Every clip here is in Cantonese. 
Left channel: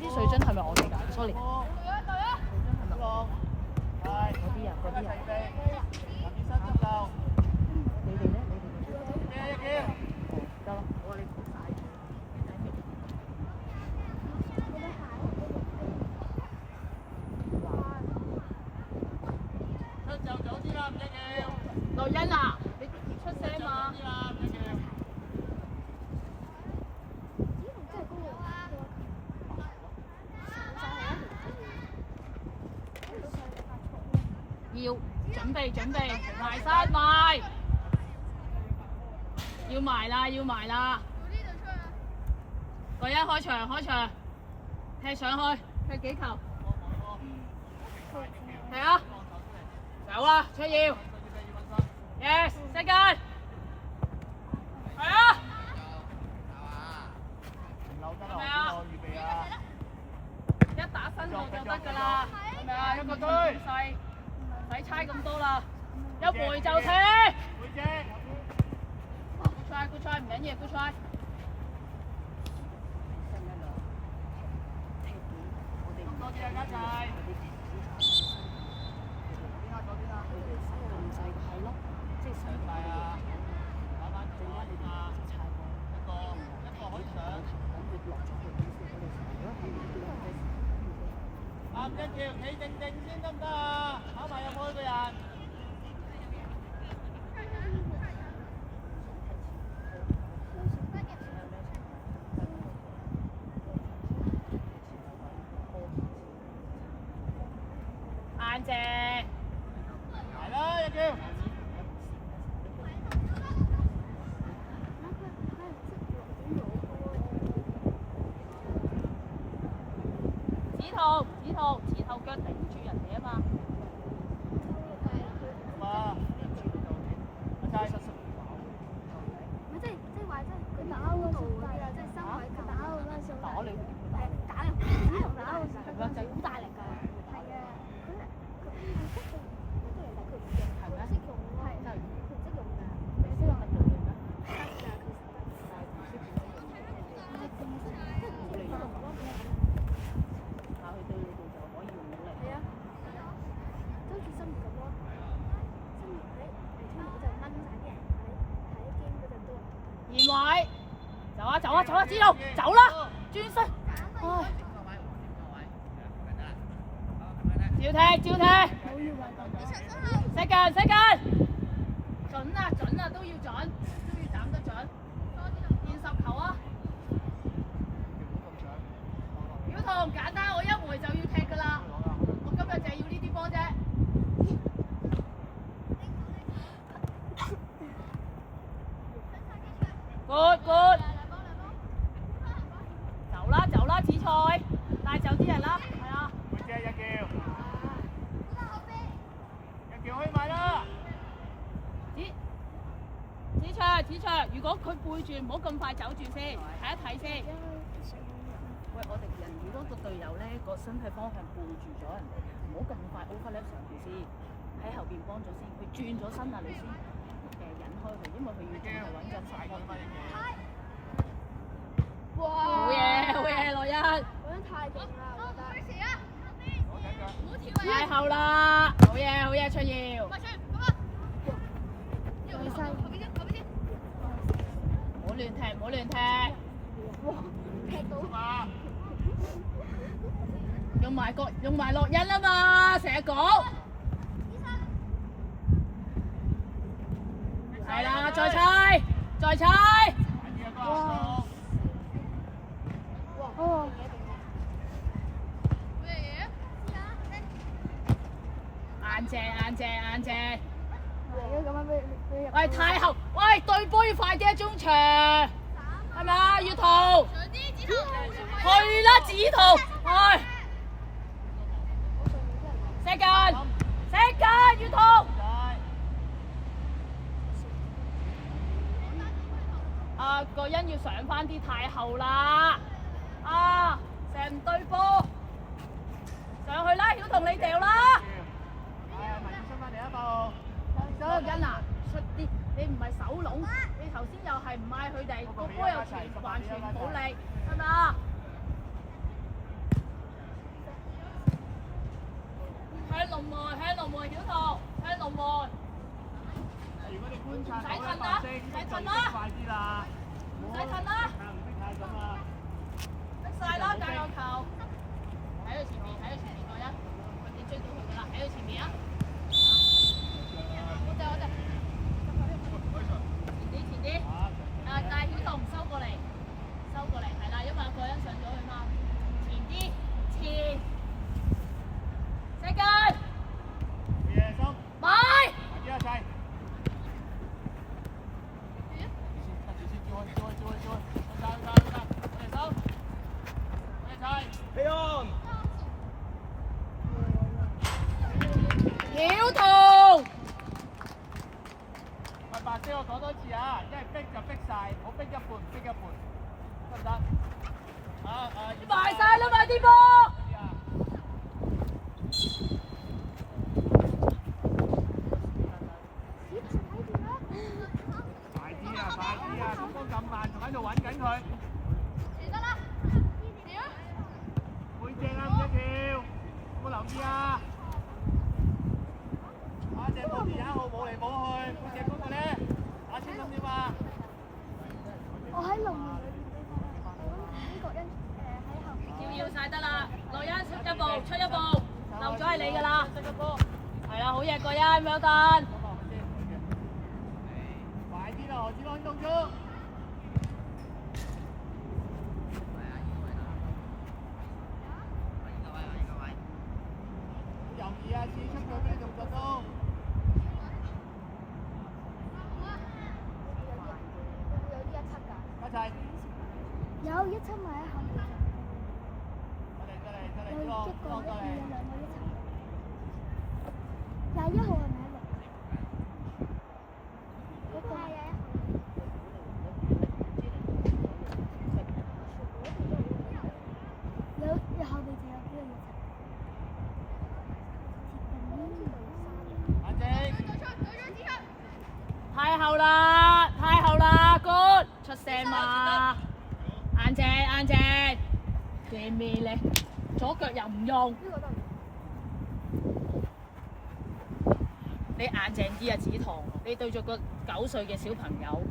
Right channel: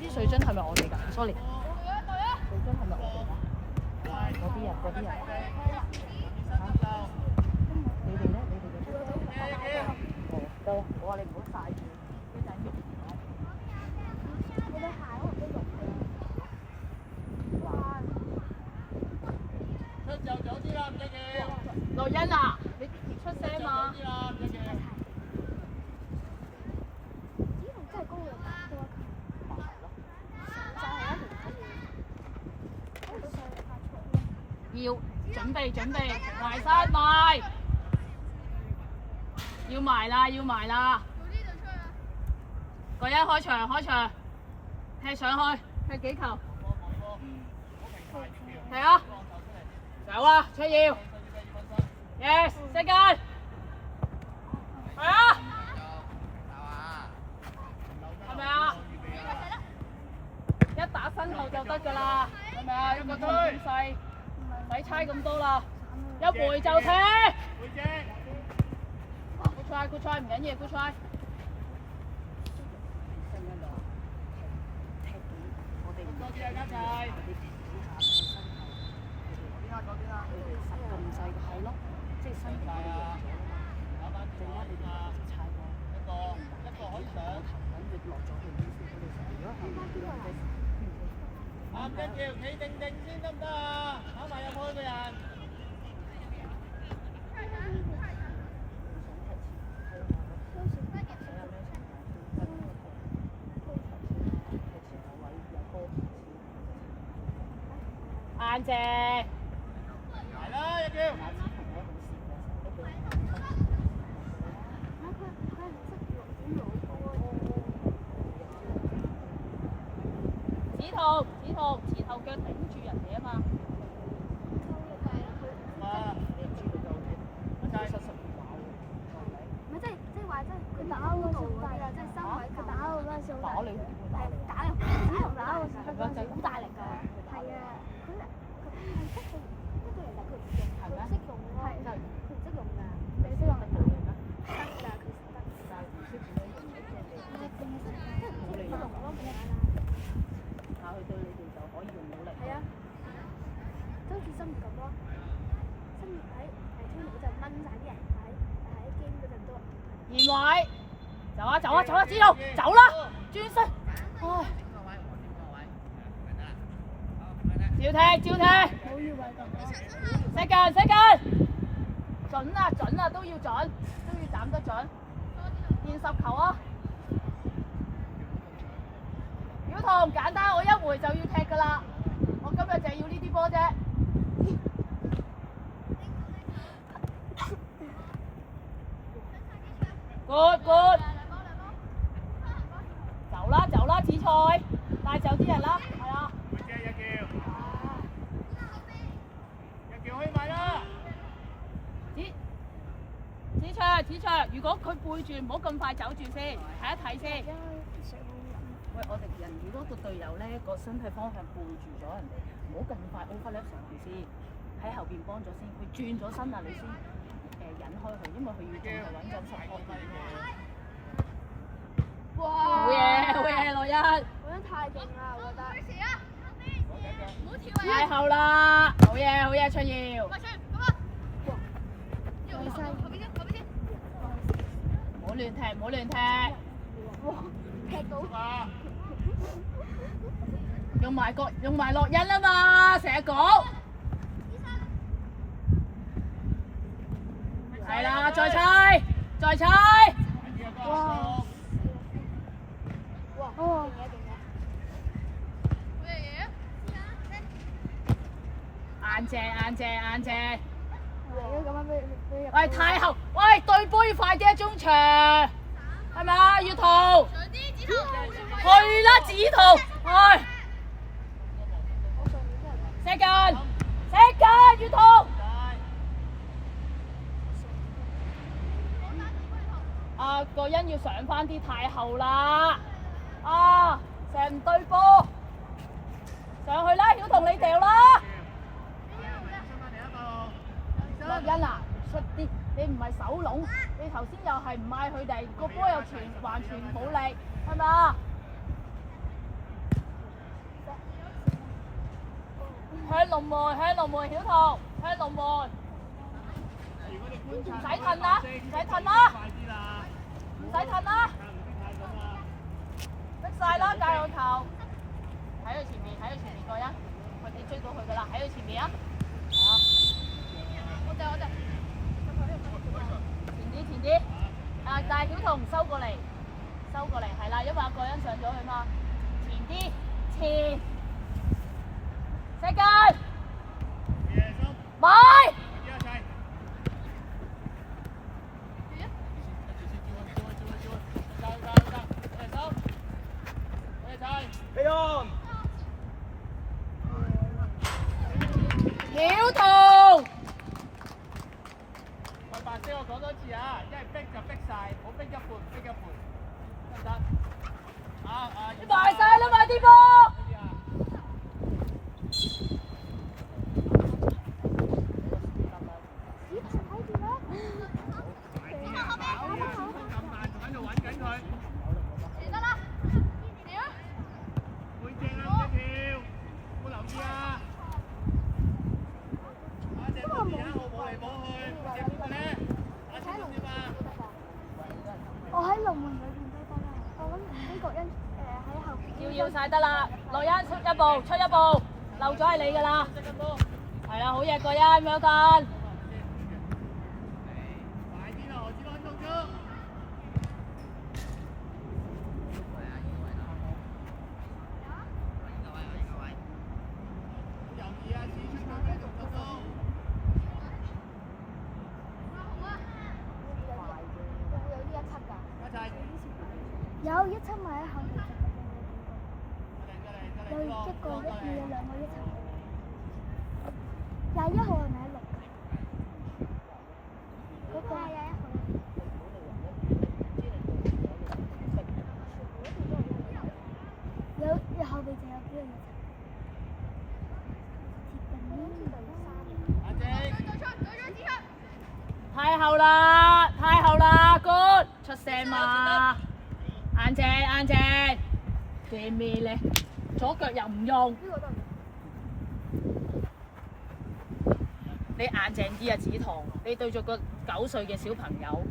啲水樽係咪我哋㗎 ？sorry。樂欣啊，你出聲嘛？要準備，埋身埋，要埋啦！個一開場，踢上去，踢幾球？係啊，走啊，出要 ，yes， second， 係啊，係咪啊？一打身後就得㗎啦，係咪啊？一個鐘咁細。唔使猜咁多啦，一回就踢。good try 唔緊要 ，good try。咁細個係咯，即係新年我哋贏咗啊嘛，陣間你哋就猜波，幾頭兩頭咁佢落咗去點先？我哋成日如果後面跌落去。企定先得唔得啊？考埋入去嘅人。走啊，知道走啦，轉身，唉，照踢，冇要位咁啊，識緊，準啊，都要斬得準，現十球啊，曉彤簡單，我一回就要踢㗎啦，我今日就係要呢啲波啫。good，走啦，紫菜，帶走啲人啦，係啊。子卓，如果佢背住，唔好咁快走住先，睇一睇先。喂，我哋人如果個隊友咧個身體方向背住咗人哋，唔好咁快 overlap 上去先，喺後邊幫咗先。佢轉咗身啊，你先引開佢，因為佢要仲係揾緊實方面。哇！好嘢，羅欣。嗰陣太勁啦，我覺得。唔好跳啊！太後啦，好嘢，出耀。唔好亂踢。哇！踢到。用埋樂欣啊嘛，成日講。係啦，再猜。哇！哦。硬正。喂，太後，喂，對波要快啲啊，中場，係咪啊，月圖？去啦，紫圖，去。石近，月圖。啊，個欣要上翻啲，太後啦。啊，成對波，上去啦，曉彤你掉啦。欣啊，出啲，你唔係手籠，你頭先又係唔嗌佢哋，個波又完全冇力，係咪啊？向龍門，曉彤，向龍門。唔使褪啦，唔使褪啦。逼晒啦，界個球。喺佢前面個欣，你追到佢㗎啦，喺佢前面啊！前啲，啊！但係曉彤收過嚟，係啦，因為有個人上咗去嘛。前啲，石近，買。曉彤。埋晒啦嘛啲波！快啲啊！中鋒咁慢，仲喺度揾緊佢。得啦，背正啊，唔使跳，有冇留意啊？隻波2號冇嚟冇去，背正嗰個咧，打清咁點啊？我喺龍門裏邊都得啦，我諗呢個因喺後邊。要晒得啦，羅欣出一步，漏咗係你㗎啦。係啦，好嘢，個欣咁樣緊。快啲啦，何子安動咗。猶豫啊，試出佢咩動作都。有一七埋喺後面，有一個1、2有2個一齊。21號係咪喺6？嗰個係21號。有後備就有幾個一齊。太後啦 ，good， 出聲嘛，硬正，驚咩咧？左腳又唔用，你硬正啲啊，紫彤，你對住個9歲嘅小朋友。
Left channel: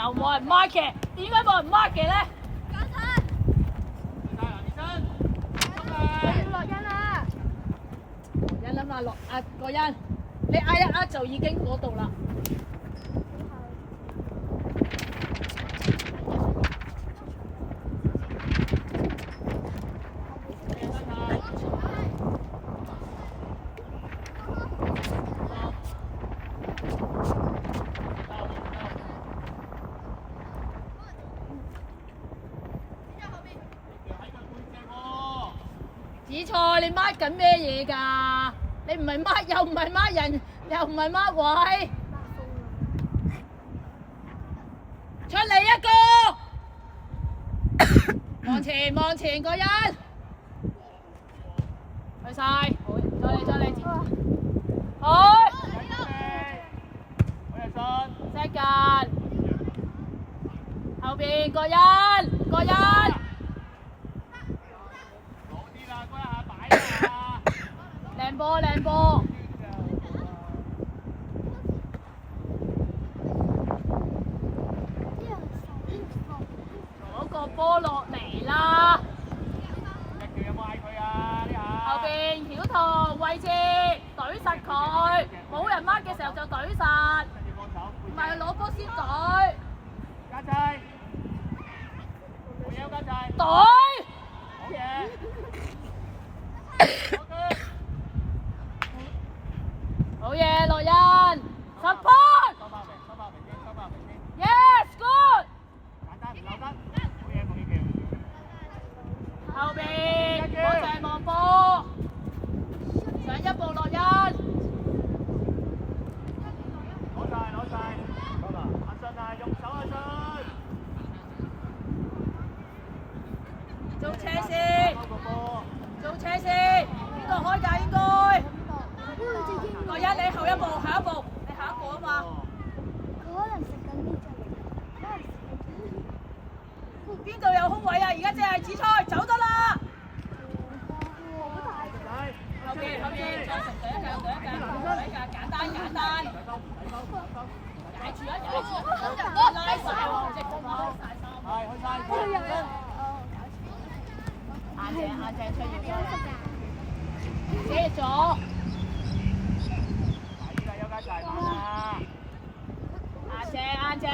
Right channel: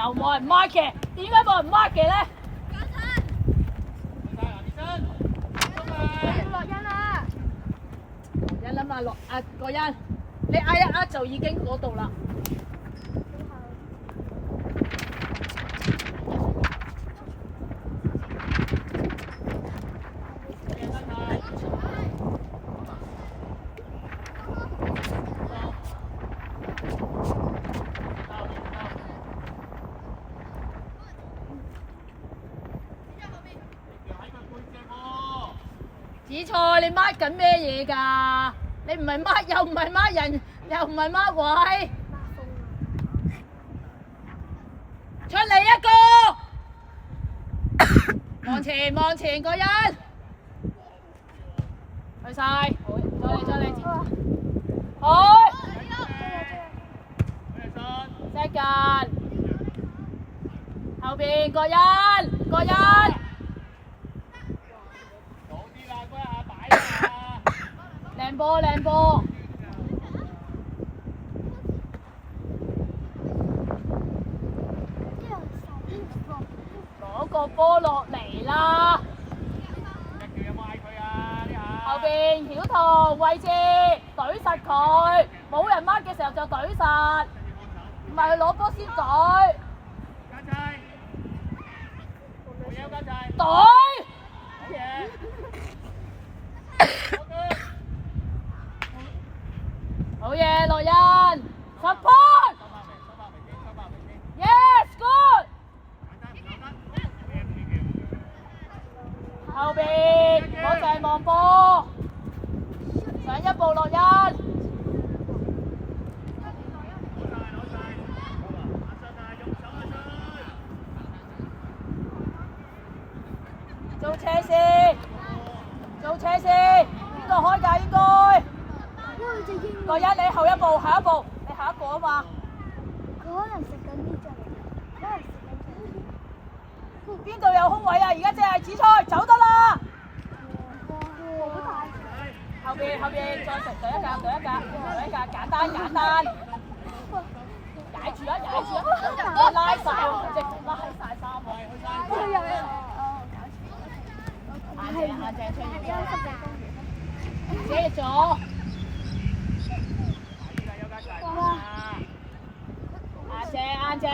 又冇人 mark 嘅，點解冇人 mark 嘅咧？落欣啊！欣諗下落個欣，你嗌一嗌就已經嗰度啦。紫菜，你 mark 緊咩嘢㗎？你唔係 mark 又唔係 mark 人，又唔係 mark 位，出嚟一個，望前望前個人，去晒，再嚟，好，second，後邊個人。靚波，攞個波落嚟啦！後邊曉彤位置懟實佢，冇人 mark 嘅時候就懟實，唔係攞波先懟。懟！好嘢，樂欣 ，support， yes good， 後邊我就係望波，上一步樂欣，做車先，邊個開㗎應該？個一你後一步，下一步，你下一步啊嘛。佢可能食緊啲陣，邊度有空位啊？而家只係紫菜，走得啦。後邊再食對一格，簡單。踩住啊！拉晒喎，隻公拉晒衫。遮咗。啱正，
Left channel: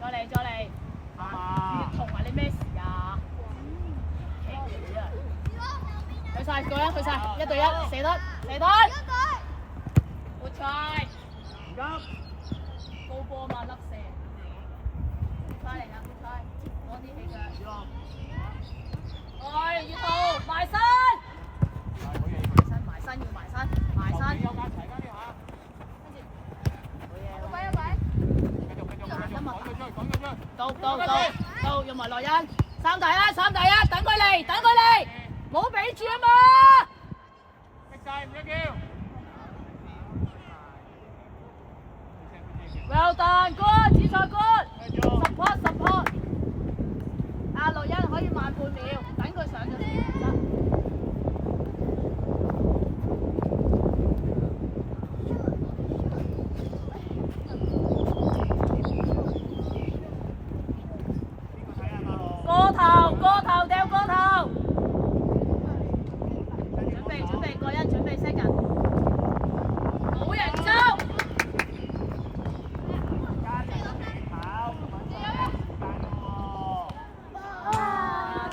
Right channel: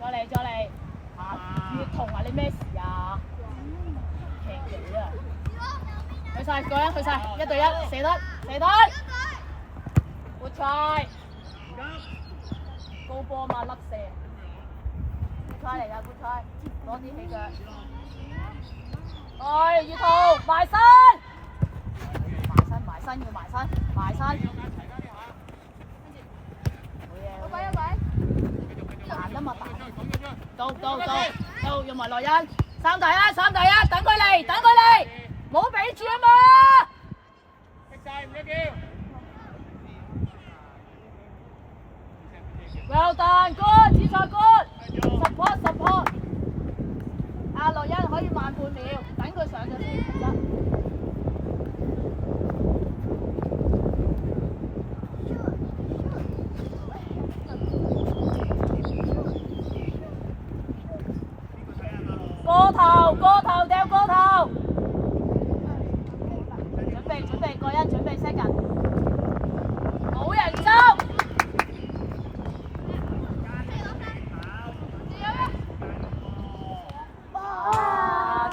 再嚟，要同埋你咩事啊？去晒，個人去晒，1對1，射得，活菜，高波嘛甩射，活菜嚟㗎，活菜，攞啲起腳，月圖埋身，到，用埋樂欣，3對1，等佢嚟，唔好俾住啊嘛！Well done， good， 紫菜 good，support， 樂欣可以慢半秒，等佢上咗先。個頭掉個頭，準備，個人準備 second， 冇人收。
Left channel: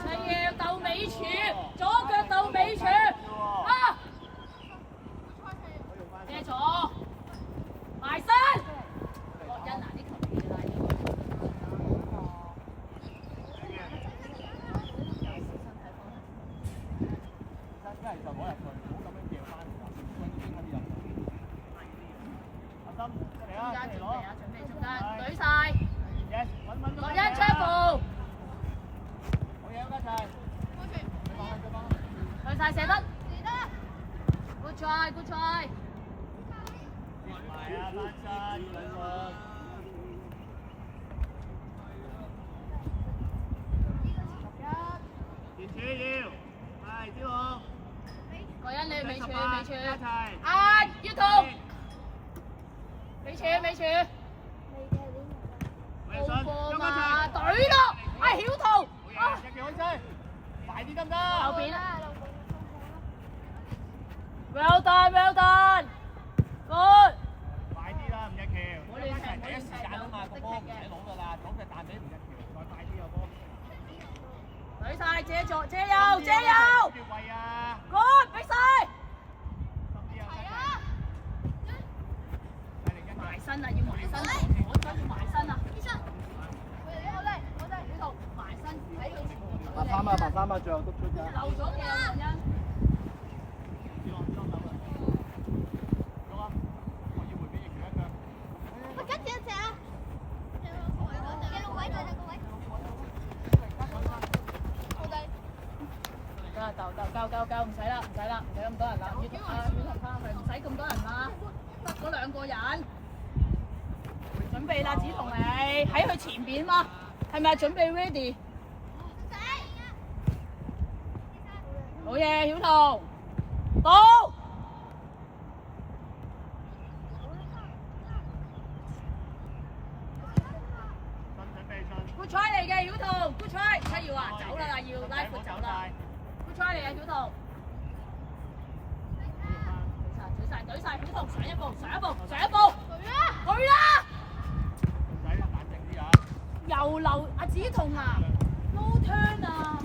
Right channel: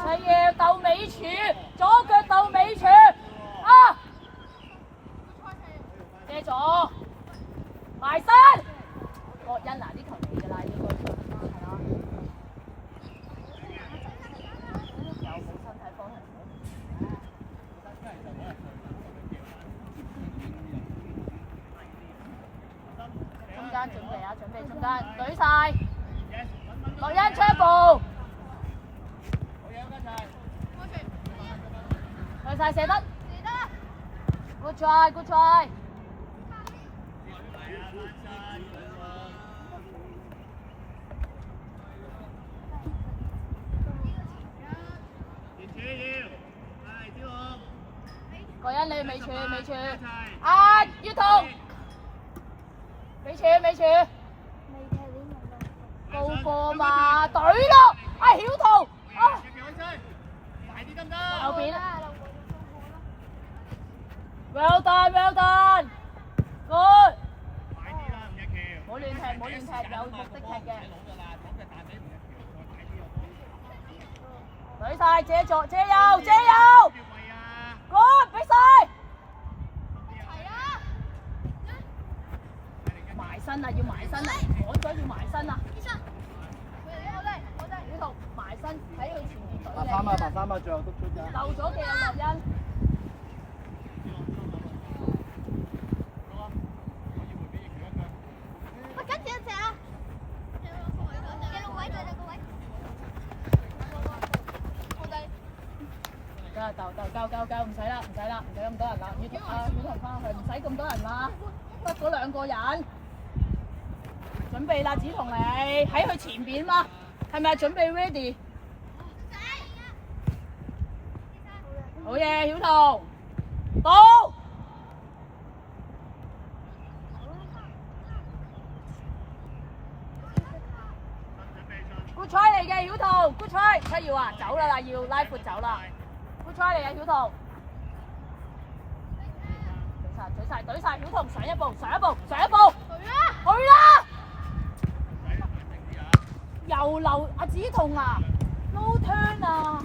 佢要鬥尾柱，左腳鬥尾柱，遮咗，埋身。樂欣啲球員㗎啦，中間舉晒，樂欣出一步，舉晒射得，good try，個欣你尾柱，月圖，尾柱。身，我而家要埋身啊！小童埋身喺佢前面。白衫啊，白衫啊，最後督出㗎。漏咗嘅啊，林欣。夠，唔使啦，唔使咁多人啦。小童翻去，唔使咁多人啦，得嗰2個人。準備啦，子彤你喺佢前邊嘛，係咪準備 ready？ 好嘢，小童，到。Good try 嚟嘅，小童 ，Good try， 七耀啊，走啦，要拉闊走啦。Good try 嚟嘅，小童。懟晒，小童上一步，去啦！又漏阿子彤啊 ，no turn 啊！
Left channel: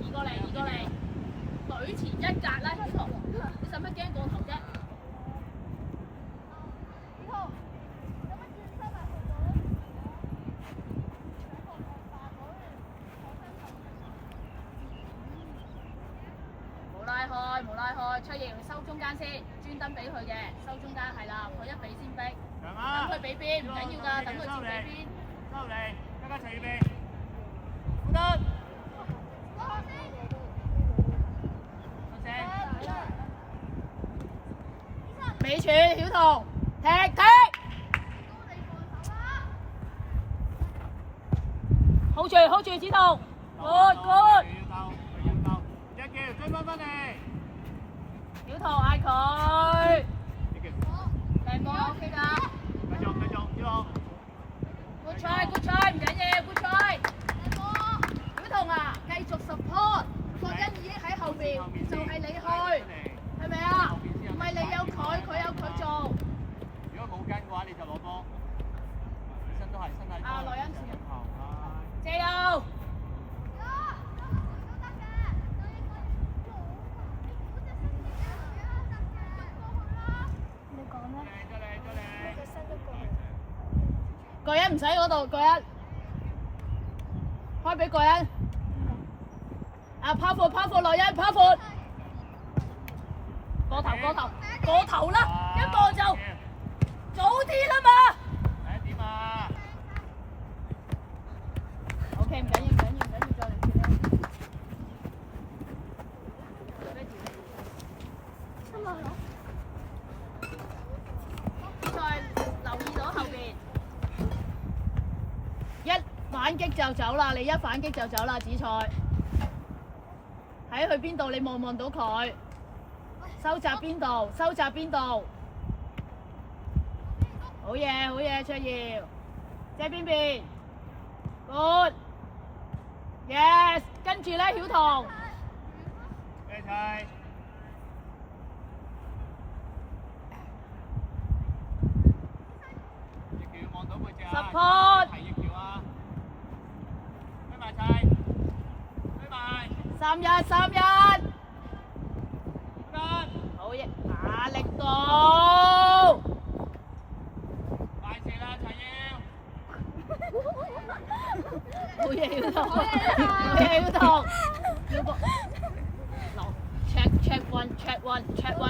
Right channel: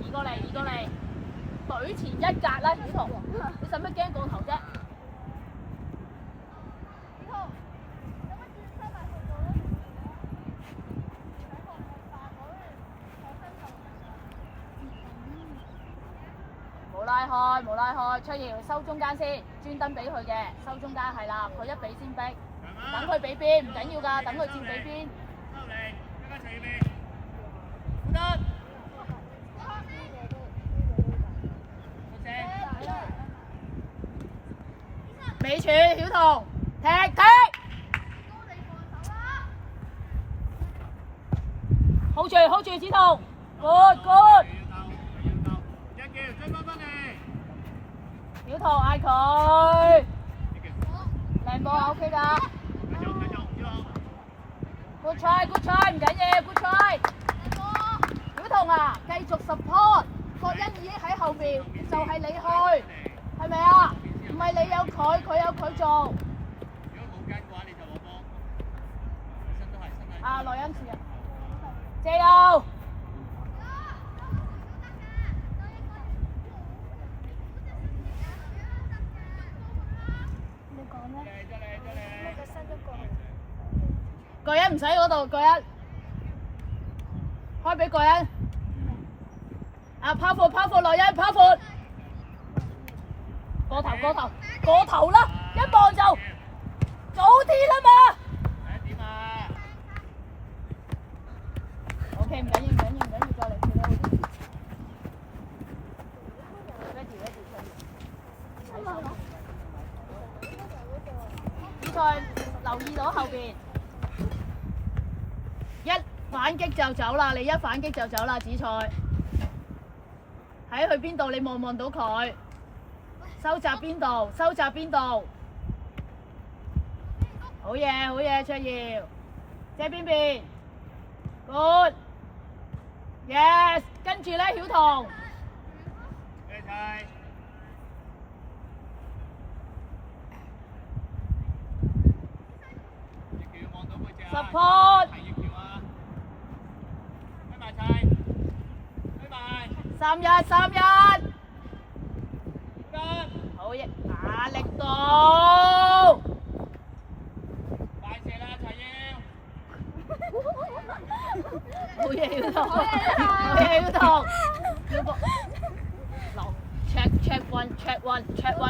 移過嚟，隊前一格啦，小童，你使乜驚過頭啫？冇拉開，出耀收中間先，專登俾佢嘅，收中間係啦，佢一俾先逼，等佢俾邊，唔緊要㗎，等佢先俾邊。收嚟，大家齊預備，得。尾柱小童，踢，hold 住，子童 ，good。小童嗌佢，靚波 OK 㗎。繼續，小童。Good try， 唔緊要 ，good try。小童啊，繼續 support， 郭欣已經喺後面，就係你去，係咪啊？唔係你有佢，佢有佢做。如果冇跟嘅話，你就攞波。本身都係身體。啊，內恩士啊，借油。個人唔使嗰度，個人開俾個人。啊，拋闊，內恩拋闊，過頭啦，一望就早啲啦嘛。點啊 ？OK， 唔緊要，再嚟。再留意到後邊。一反擊就走啦，你一反擊就走啦，紫菜。喺去邊度？你望到佢？收窄邊度？好嘢，卓耀。借邊？Good。Yes， 跟住咧，曉彤。support。3-1，好嘢，打力度，快射啦，齊耀，好嘢要同，要個，落 check one，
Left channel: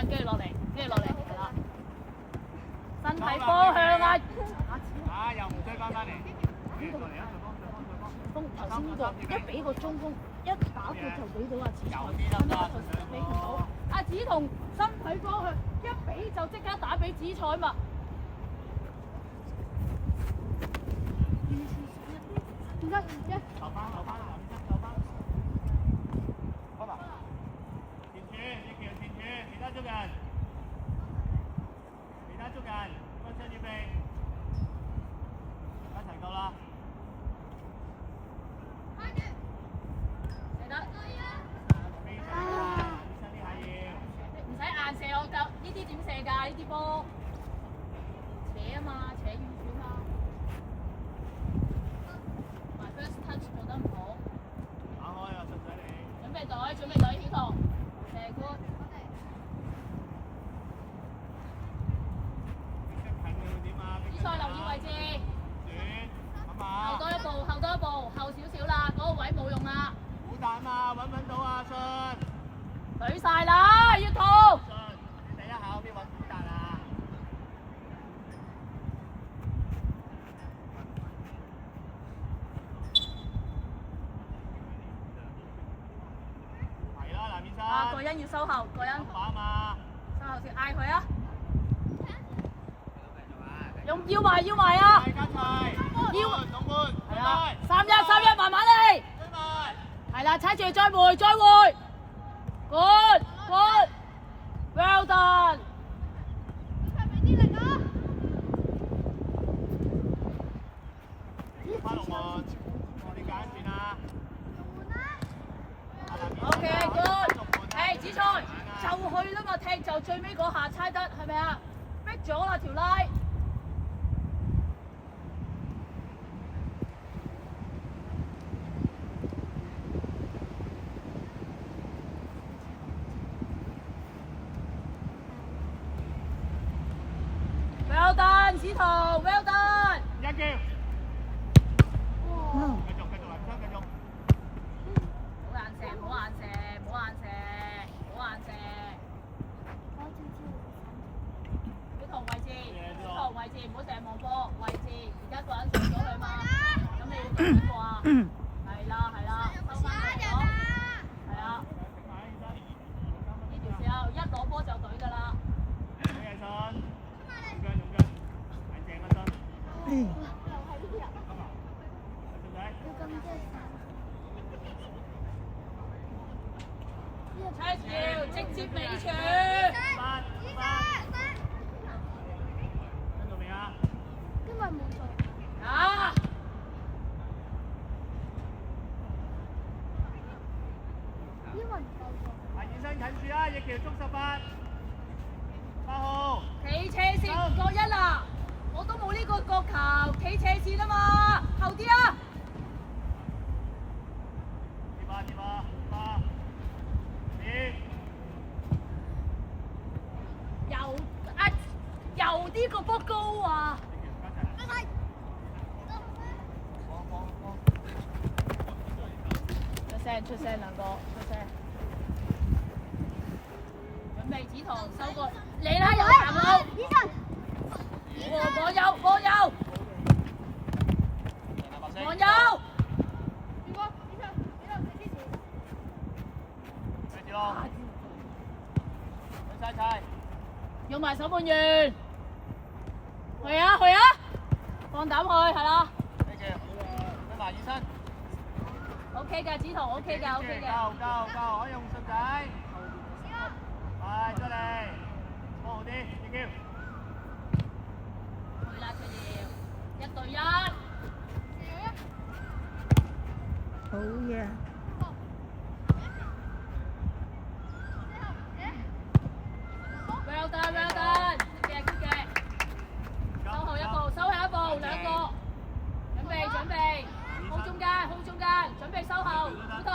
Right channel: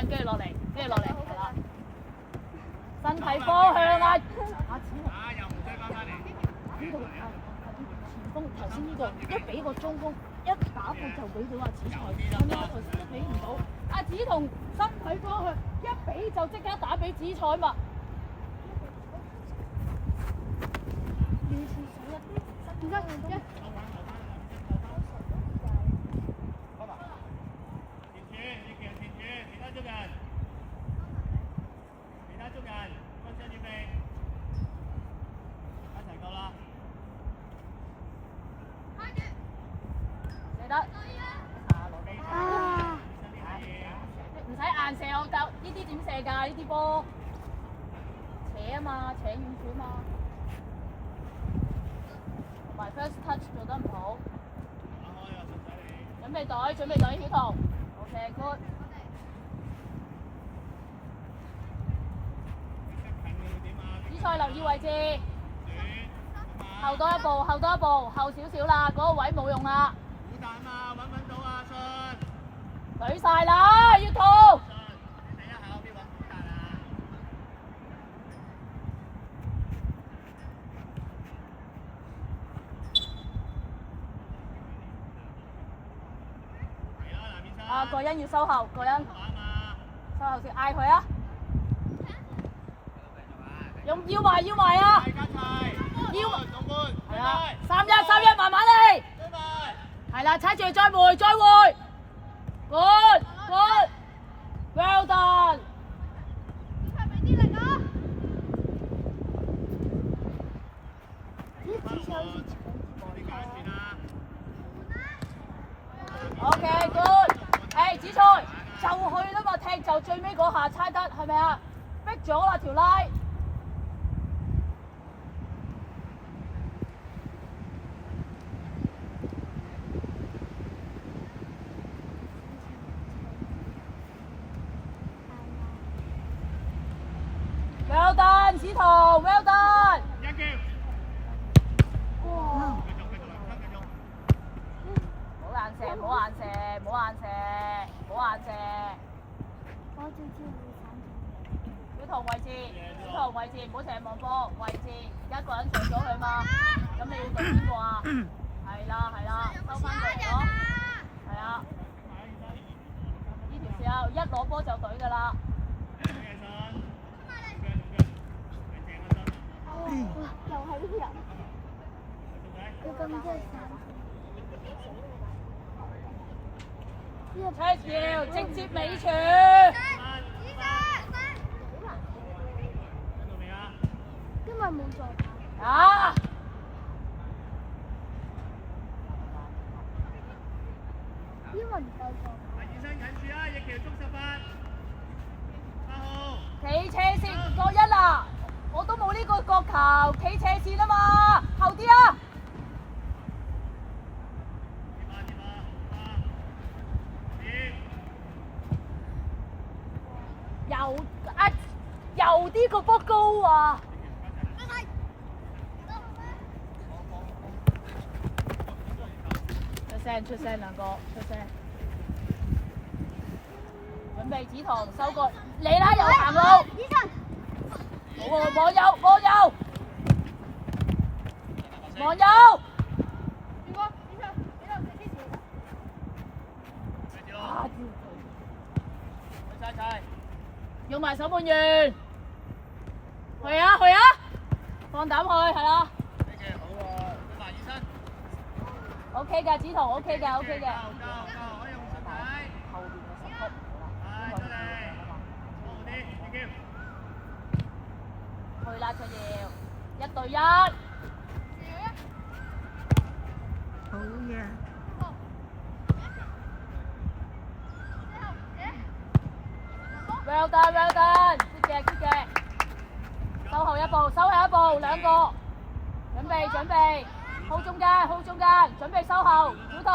跟住落嚟，係啦，身體方向啊，又唔追翻嚟，頭先呢個一俾個中鋒。一打波就俾到阿子彤，俾唔到。阿子彤身體方向一俾就即刻打俾紫菜嘛。唔得，留翻，好嘛？前柱，其他捉人，分身要備，一齊夠啦。得，唔使硬射我夠，呢啲點射㗎？呢啲波扯啊嘛，扯遠處嘛。My first touch。準備隊，小彤。OK good。比賽留意位置。後多一步，後多一步，後少少啦，嗰個位冇用啦。好大嘛，揾唔揾到啊？信。舉晒啦，要痛。你睇一下邊揾好大啊？係啦，南面山。啊，個人要收後，個人。打嘛。收後先嗌佢啊！要埋啊！要。係啊，3-1，慢慢嚟。係啦，踩住再回。Good， well done。OK good。誒，子菜就去啦嘛，踢就最尾嗰下猜得係咪啊？逼咗啦條拉。Well done， 子彤 ，well done。一叫。哇！繼續，繼續。唔好硬射。小彤位置，唔好成日望波，位置，而家個人上咗去嘛，咁你要對邊個啊？係啦，收翻過嚟咯，係啊，呢條線一攞波就隊㗎啦。車橋直接尾傳。跟到未啊？因為冇做。啊！因為唔夠做。醫生近住啊！翼橋捉18。8號。企斜線唔過1啦，我都冇呢個角球，企斜線啊嘛，後啲啊！游啲個波高啊！出聲兩個，出聲。準備子彤收個，嚟啦，有行路。我有。用埋手半圓。去啊！放膽去，係啦。OK 㗎，子彤 OK 㗎。夠，可以用順仔。係，出嚟，放好啲，翼橋。去啦，佢要1對1。好嘢。Well done， good 嘅。收後一步，兩個。準備，hold 中間，準備收後，小彤。